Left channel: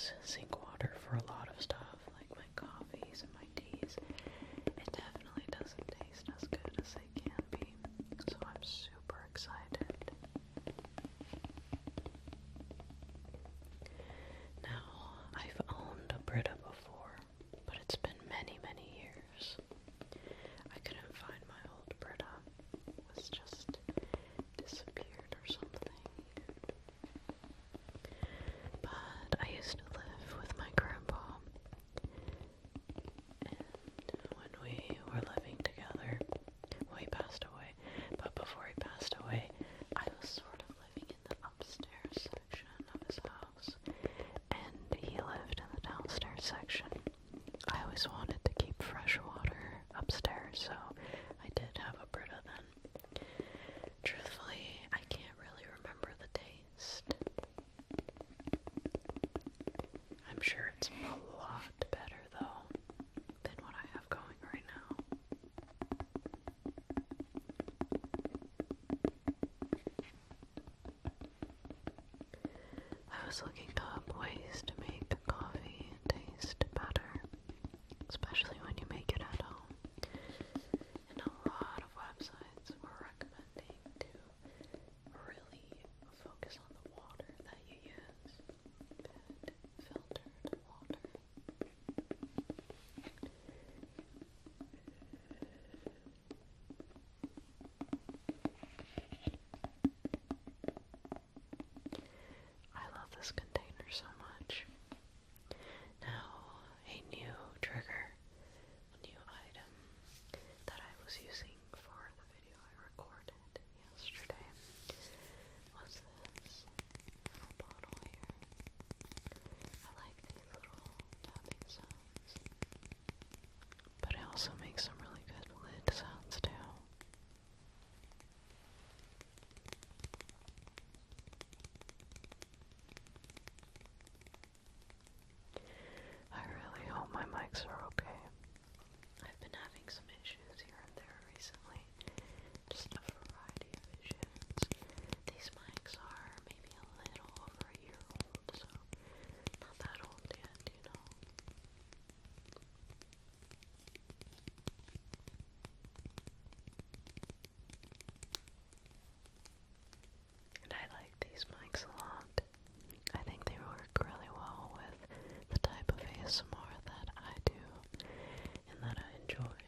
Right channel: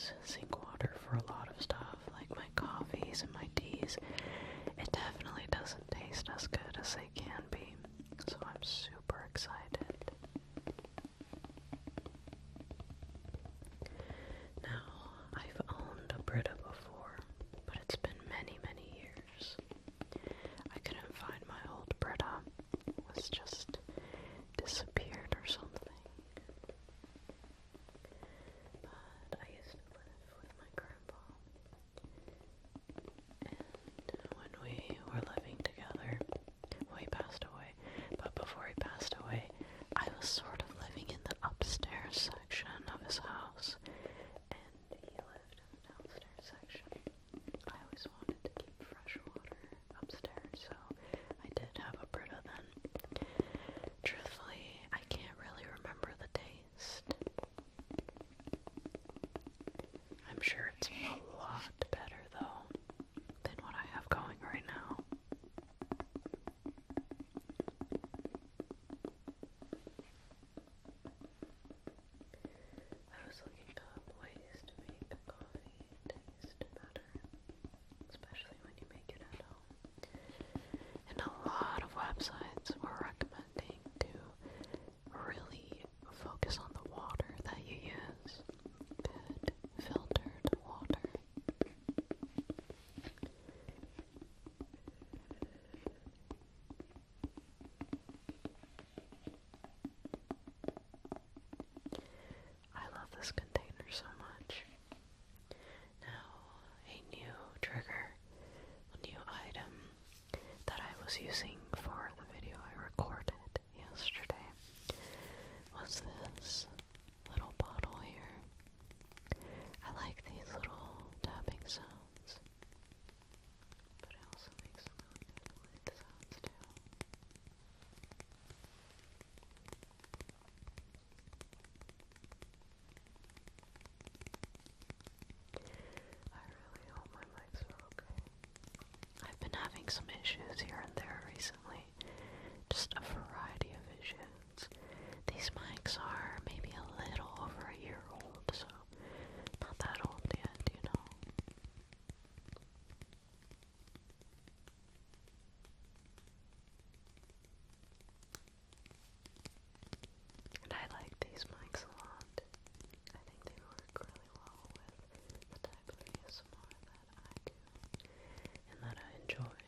use sink water for a lot of stuff, like my coffees and my teas. It definitely doesn't taste as good as they can be, so I'm super excited. Now, I've owned a Brita before, but it's been many, many years. I couldn't find my old Brita. It was just disappeared or something. But I used to live with my grandpa, and when we were living together, well, he passed away, but before he passed away, I was sort of living in the upstairs section of his house, and he lived in the downstairs section. I always wanted to keep fresh water upstairs, so I did have a Brita then. Truthfully, I can't really remember the taste. I'm sure it's a lot better, though, than what I have going right now. I was looking up ways to make coffee taste better, especially when you make it at home. And a lot of websites were recommending to really focus on the water that you use. Good filtered water. I love this container so much. Now, a new trigger, a new item that I was using for the video I recorded yesterday was this little bottle here. I like these little tapping sounds, but it also makes some really good lid sounds too. I really hope my mics are okay. I've been having some issues here and there recently. Just a variety of issues. These mics are maybe a little over a year old, so not that old yet, you know. And I like these mics a lot. I think they work really well with the type of ASMR that I do and that I enjoy.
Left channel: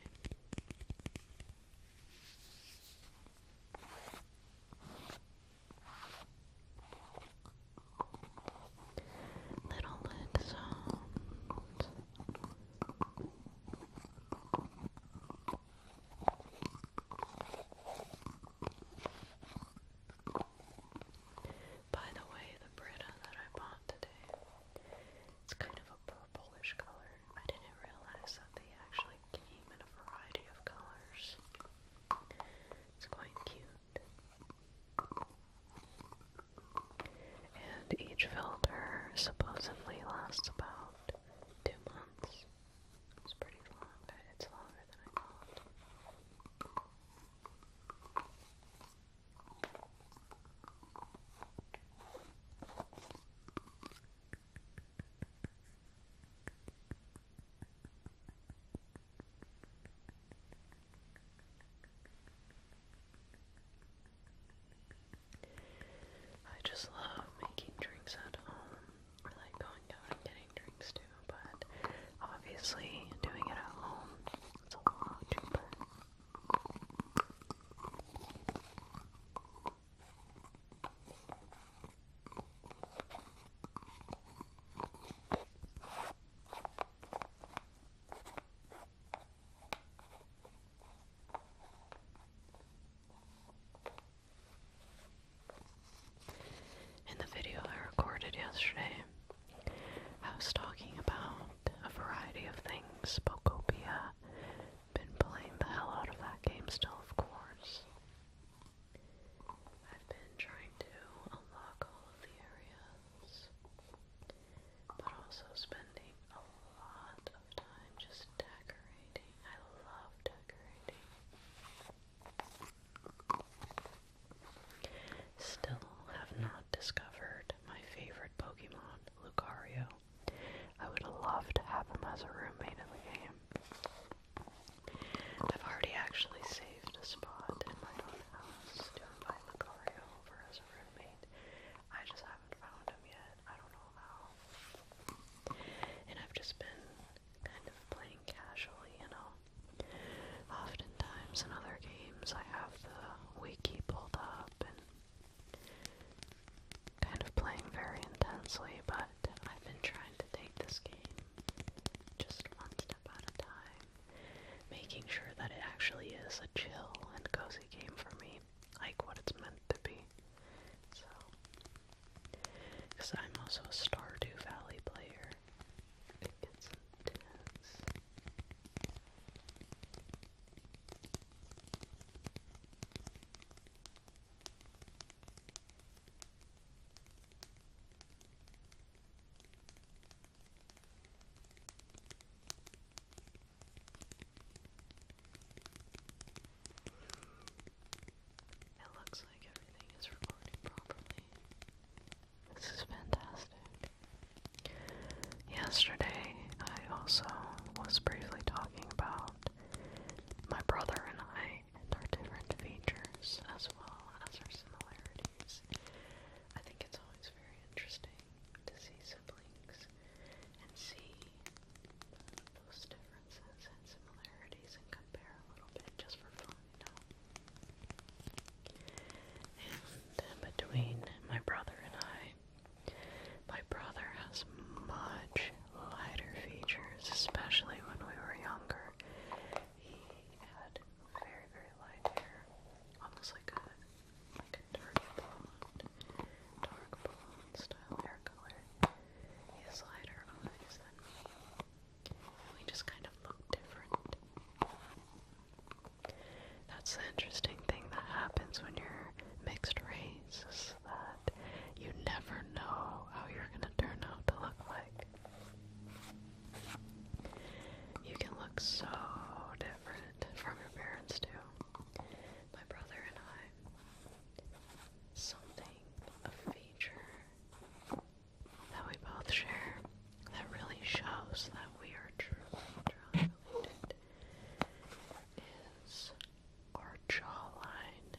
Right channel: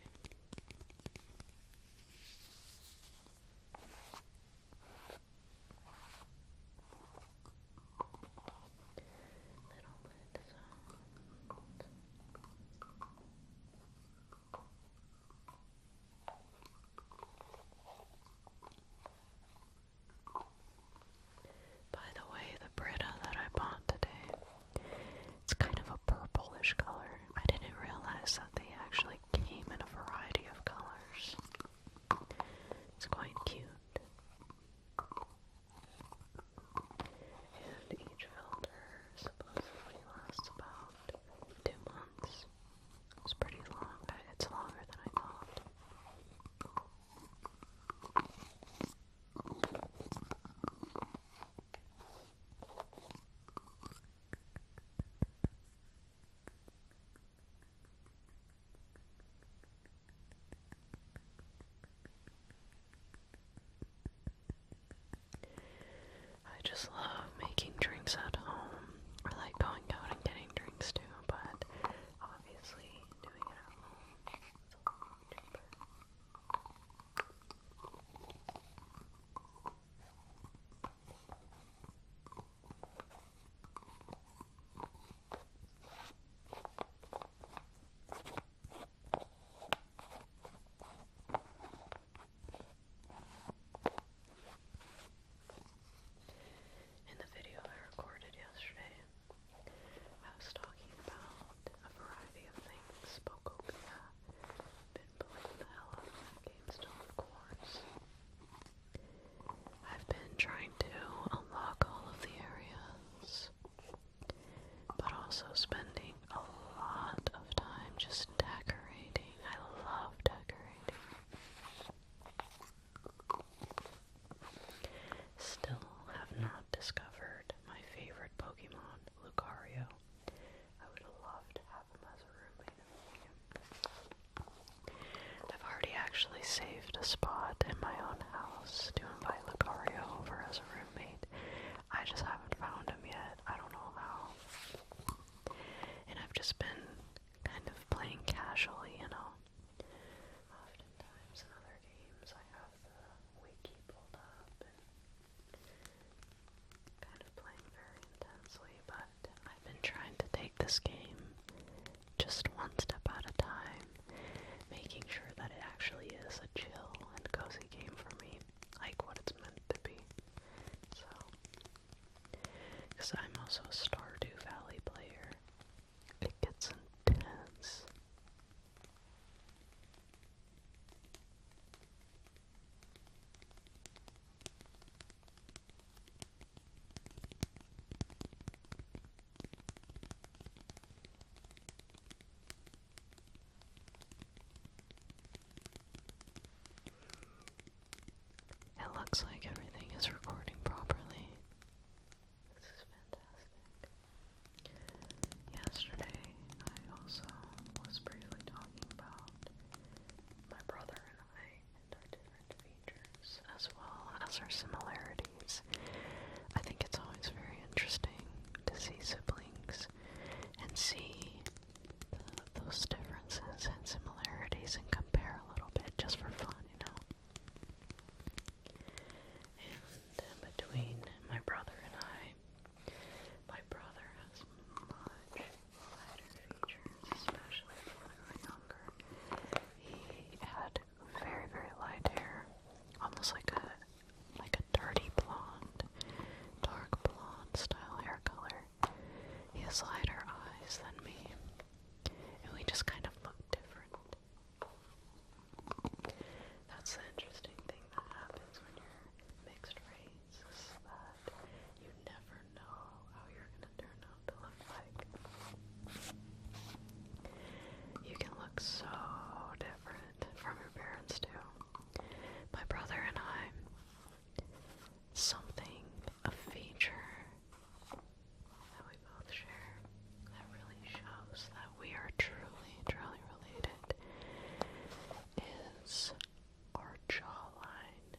Little lid sounds. By the way, the Brita that I bought today, it's kind of a purplish color. I didn't realize that they actually came in a variety of colors. It's quite cute. And each filter supposedly lasts about 2 months. It's pretty long. It's longer than I thought. I just love making drinks at home, or like going out and getting drinks too, but obviously doing it at home, it's a lot cheaper. And actually saved a spot in my own house to invite Lucario over as a roommate. I just haven't found him yet. I don't know how. And I've just been kind of playing casually, you know. Oftentimes in other games I have the wiki pulled up and kind of playing very intensely, but I've been trying to take this game just one step at a time, making sure that it actually is a chill and cozy game for me, like what it's meant to be. So, because I'm also a Stardew Valley player, it gets intense. It looks like everything is recording properly. This is fantastic. Yesterday, I also was briefly talking about my brother and I and our different features as well as our similarities. I think it's always very interesting to see siblings and see those differences and similarities and compare a little bit just for fun, you know. And between my brother and I, my brother has much lighter features, especially when we were younger. He had very, very light hair, almost like a dirty blonde, dark blonde style hair color. He has lighter eyes than me, and we just kind of look different. That's the interesting thing that happens when you're mixed race, is that you never know how you're gonna turn out to look like. You can look so different from your parents too. My brother and I, something, a feature that we both share that really shows that we are truly, truly related is our jawline.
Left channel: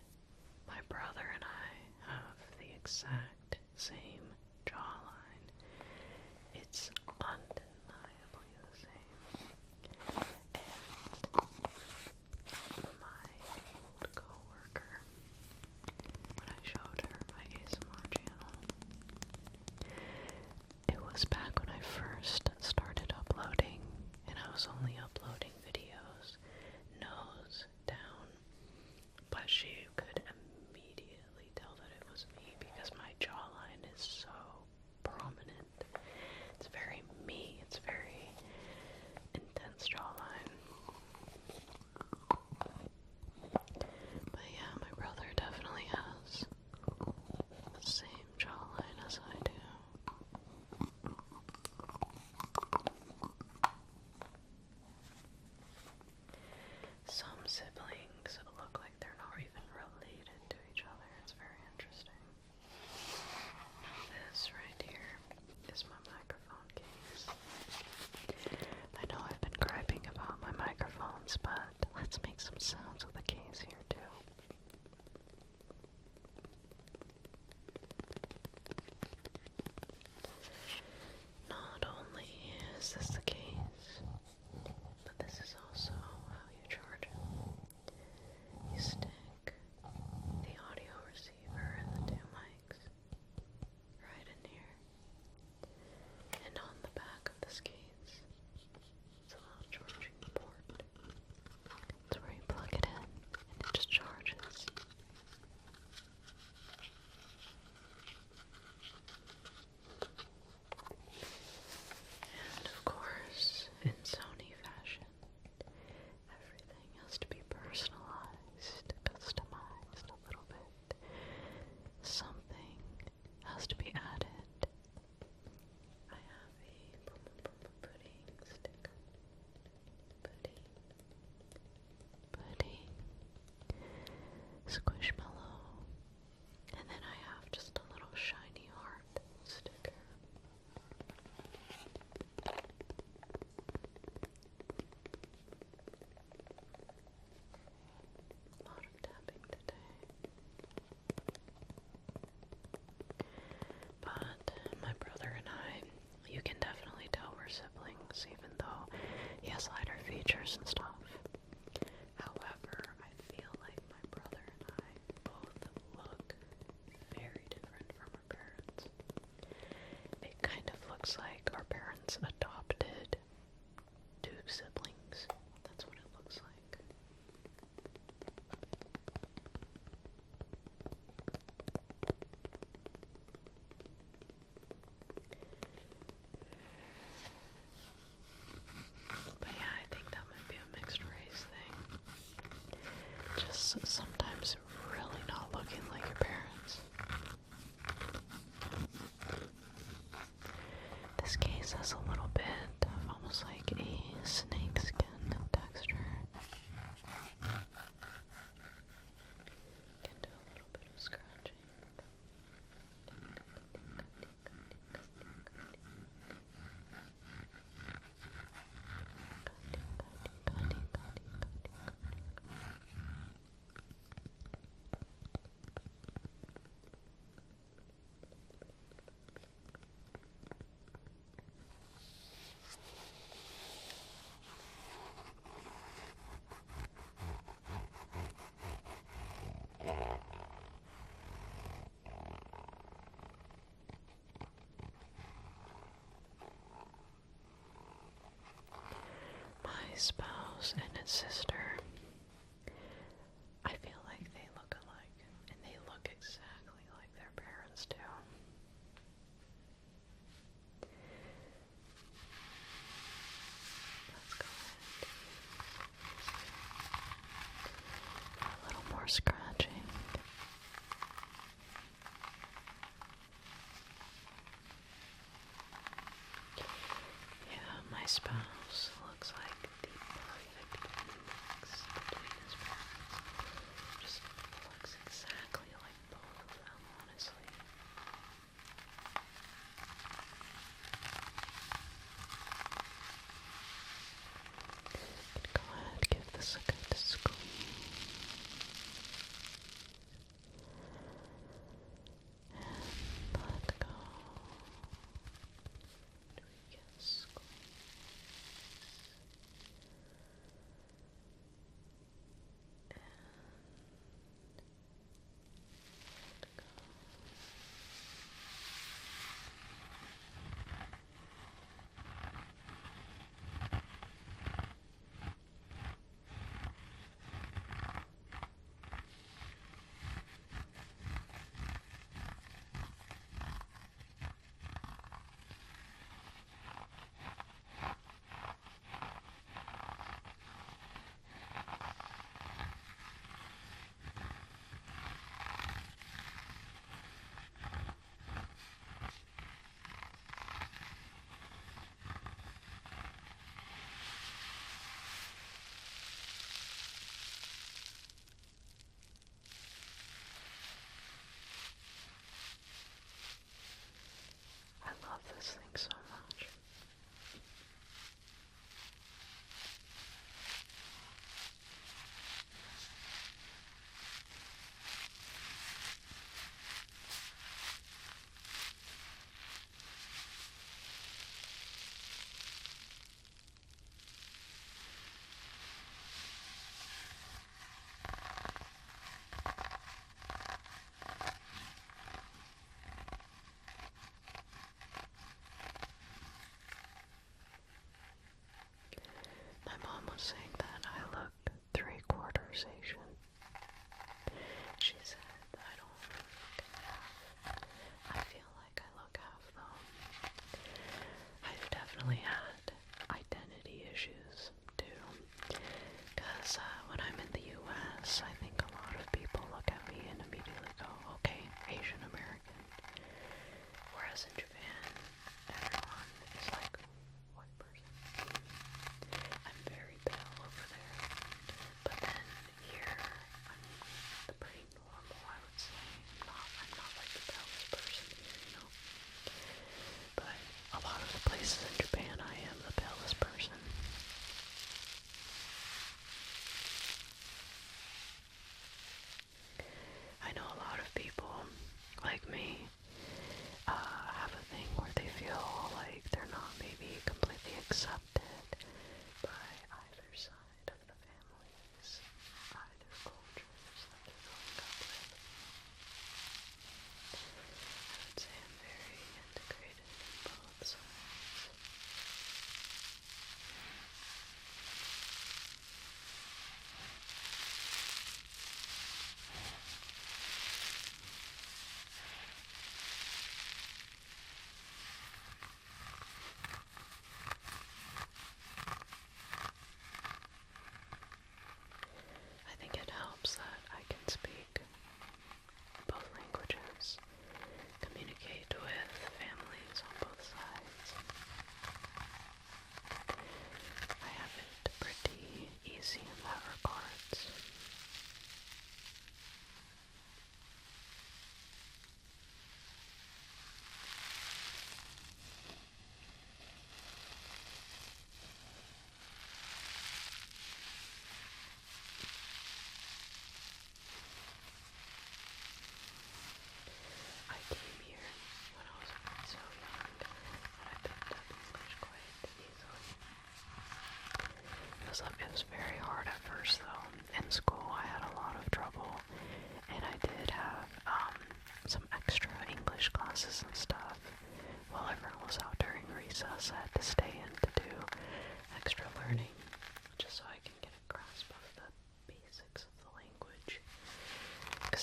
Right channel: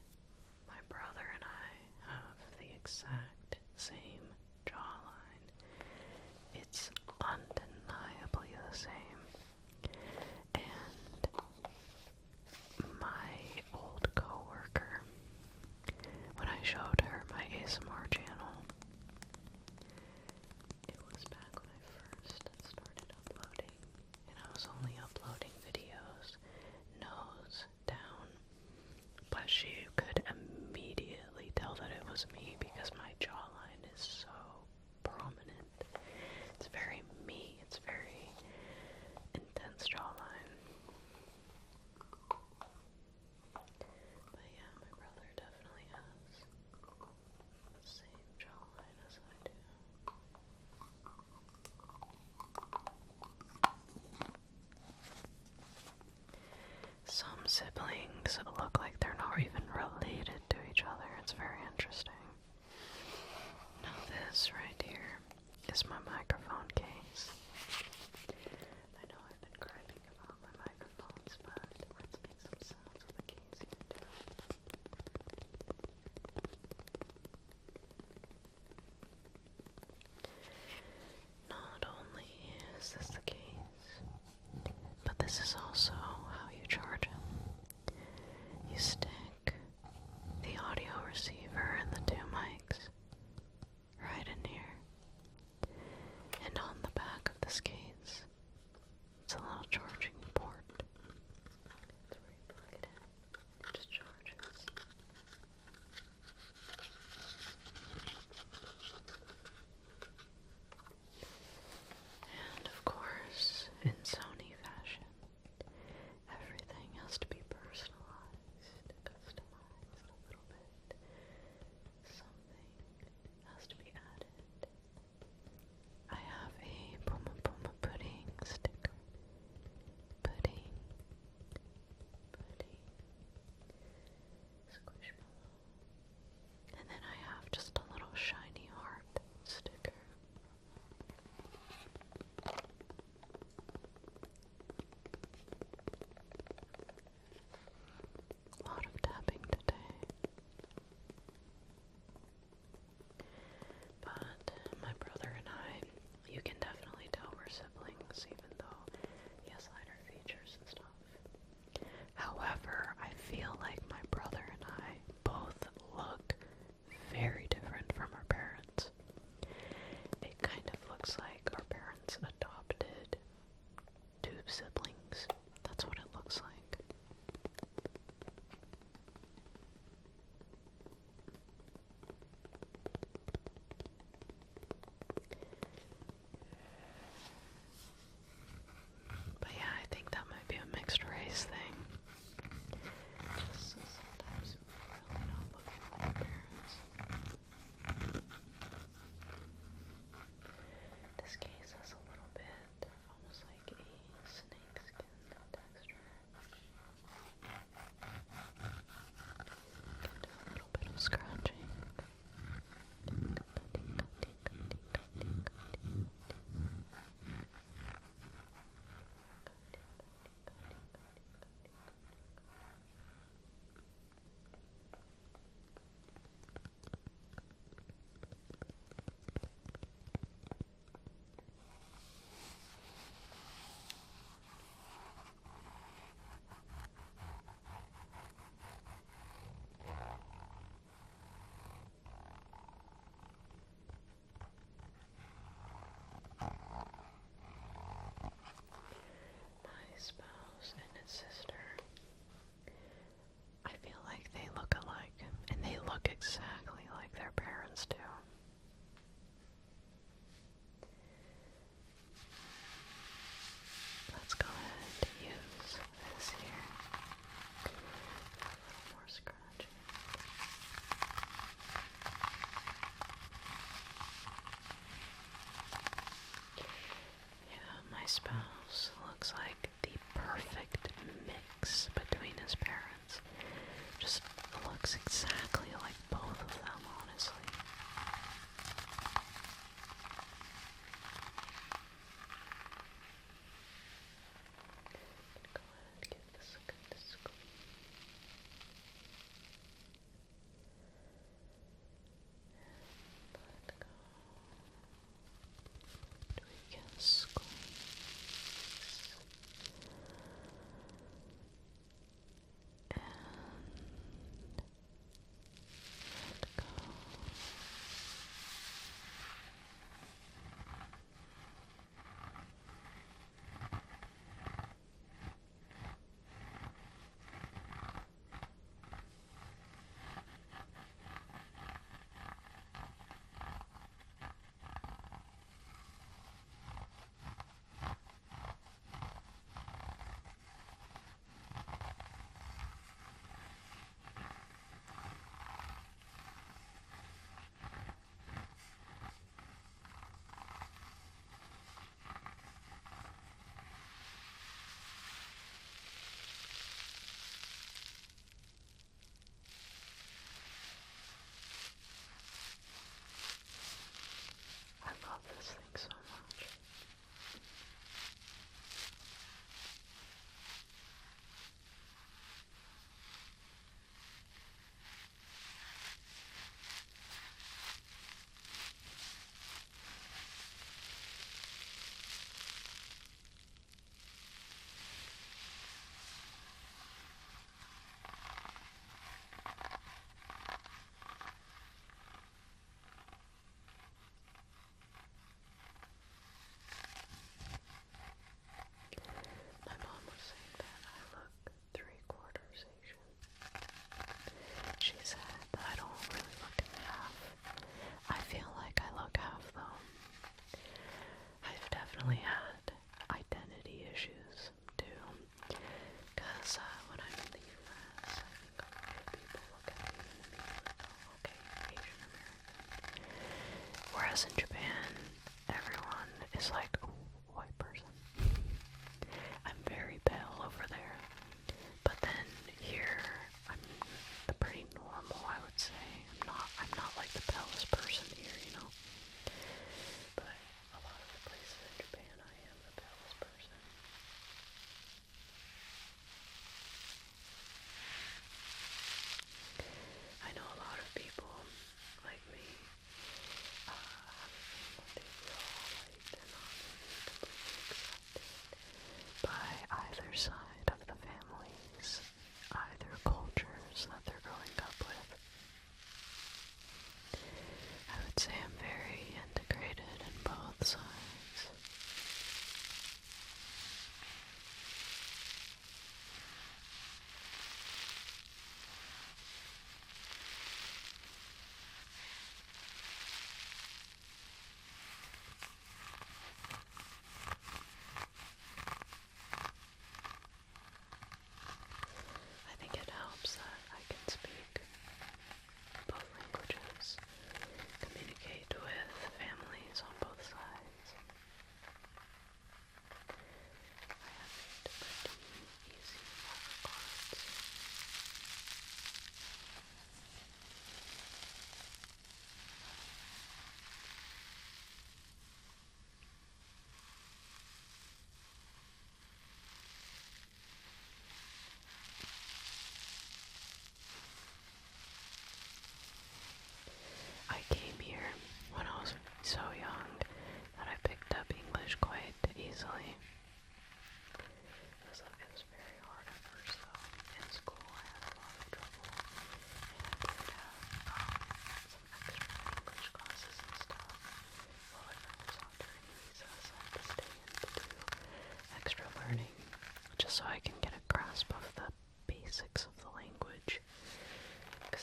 My brother and I have the exact same jawline. It's undeniably the same. And my old coworker, when I showed her my ASMR channel, it was back when I first started uploading, and I was only uploading videos nose down, but she could immediately tell that it was me because my jawline is is sometimes really not looking like your parents. This case has a little bit of almost like a snake skin texture. Can do a little bit of scratching. My spouse and his sister, I feel like they look alike, and they look exactly like their parents do. Let's go ahead and use this here for a little more scratching. Yeah, my spouse looks like the perfect mix between his parents. Just looks exactly like both of them, honestly. Go ahead, give this a good squeeze. And let go. Do we get a squeeze? And let go. I love this thing so much. My mom was saying that I look 3/4 Asian. She said that I don't really look half. I feel like I look half though. I've definitely had identity issues too. Because when I'm in the US, I think a lot of people look at me and immediately go, okay, Asian American. Whereas in Japan, everyone is like, ooh, white person. I'm very pale over there. But then here, I'm pretty normal, I would say. I'm not like the palest person here, you know. But a lot of the places in Japan, I am the palest person. I know a lot of people like me have a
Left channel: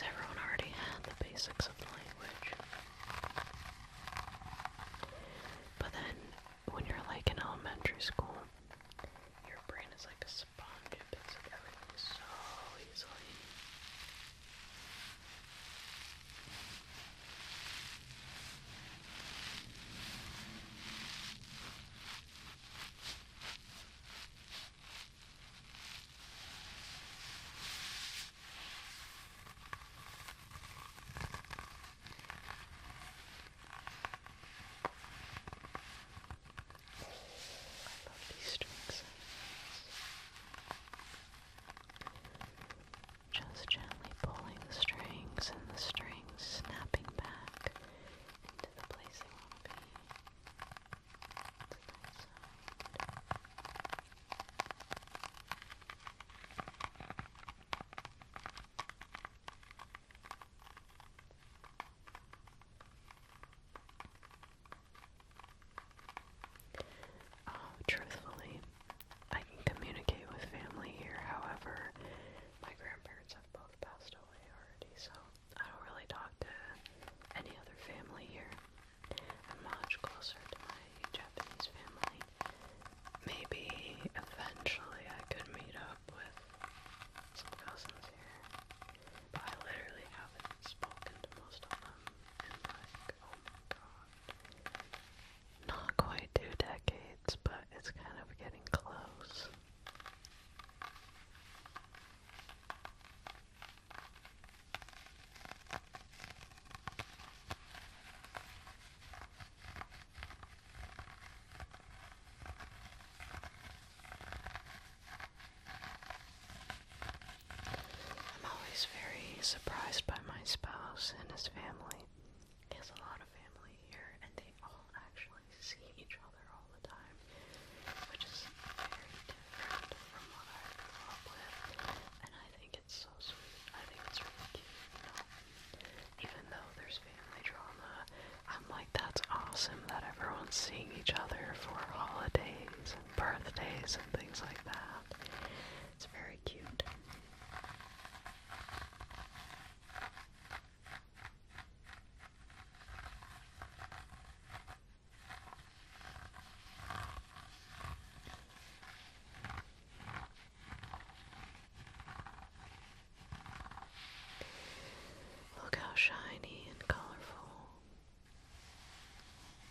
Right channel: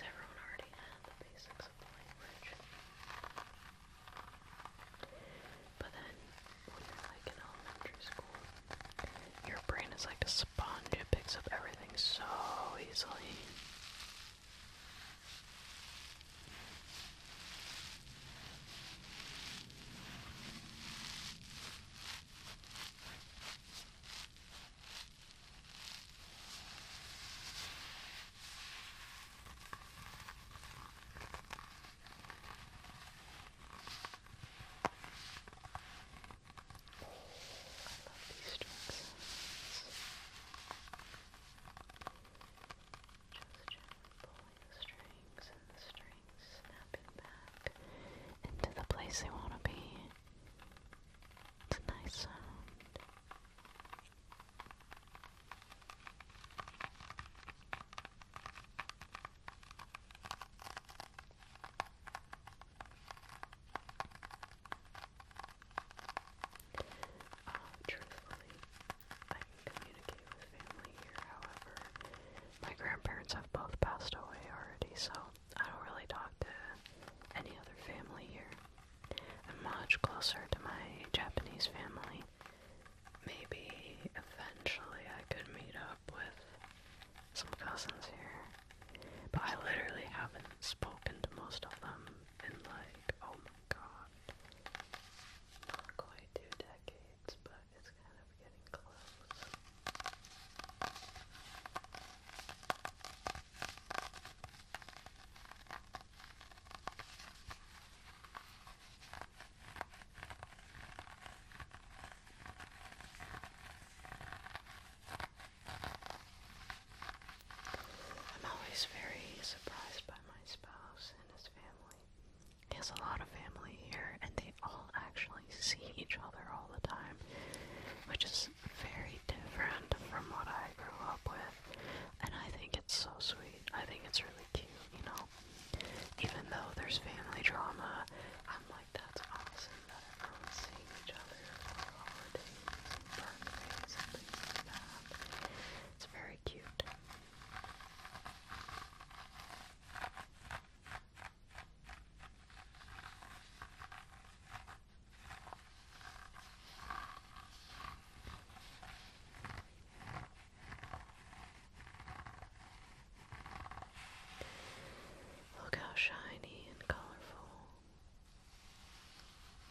because everyone already had the basics of language. But then, when you're like in elementary school, your brain is like a sponge, it picks up everything so easily. I love these strings. Just gently pulling the strings and the strings snapping back into the place they want to be. It's a nice sound. Truthfully, I can communicate with family here. However, my grandparents have both passed away already, so I don't really talk to any other family here. I'm much closer to my Japanese family. Maybe eventually I could meet up with some cousins here, but I literally haven't spoken to most of them in like, oh my god, not quite 2 decades, but it's kind of getting close. I'm always very surprised by my spouse and his family. He has a lot of family here, and they all actually see each other all the time, which is very different from what I grew up with, and I think it's so sweet. I think it's really cute, you know? Even though there's family drama, I'm like, that's awesome that everyone's seeing each other for holidays and birthdays and things like that. It's very cute. Look how shiny and colorful.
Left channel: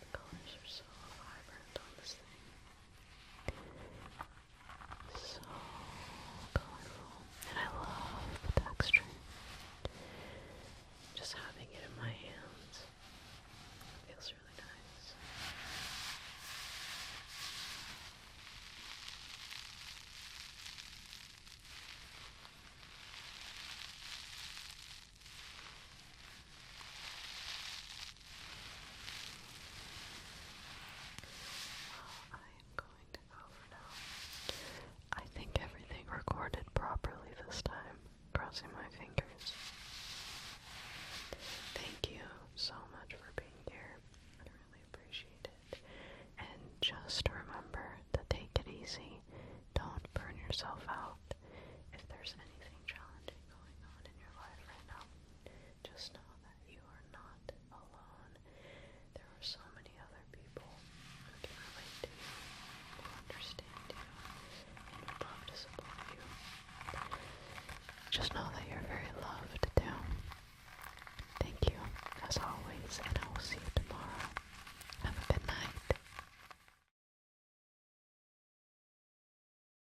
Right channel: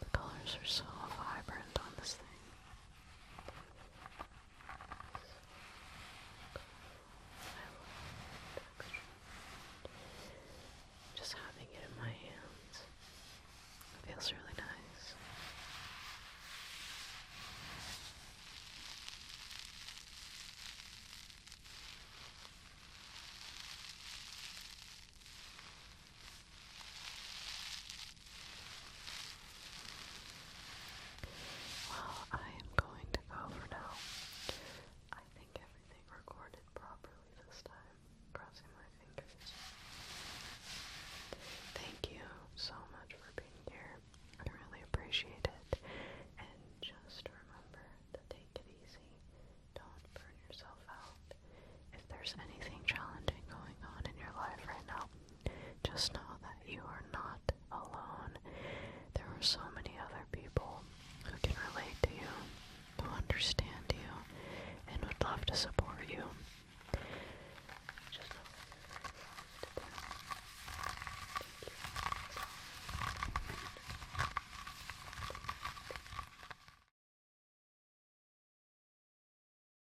The colors are so vibrant on this thing. So colorful. And I love the texture. Just having it in my hands feels really nice. Well, I am going to go for now. I think everything recorded properly this time. Crossing my fingers. Thank you so much for being here. I really appreciate it. And just remember to take it easy. Don't burn yourself out. If there's anything challenging going on in your life right now, just know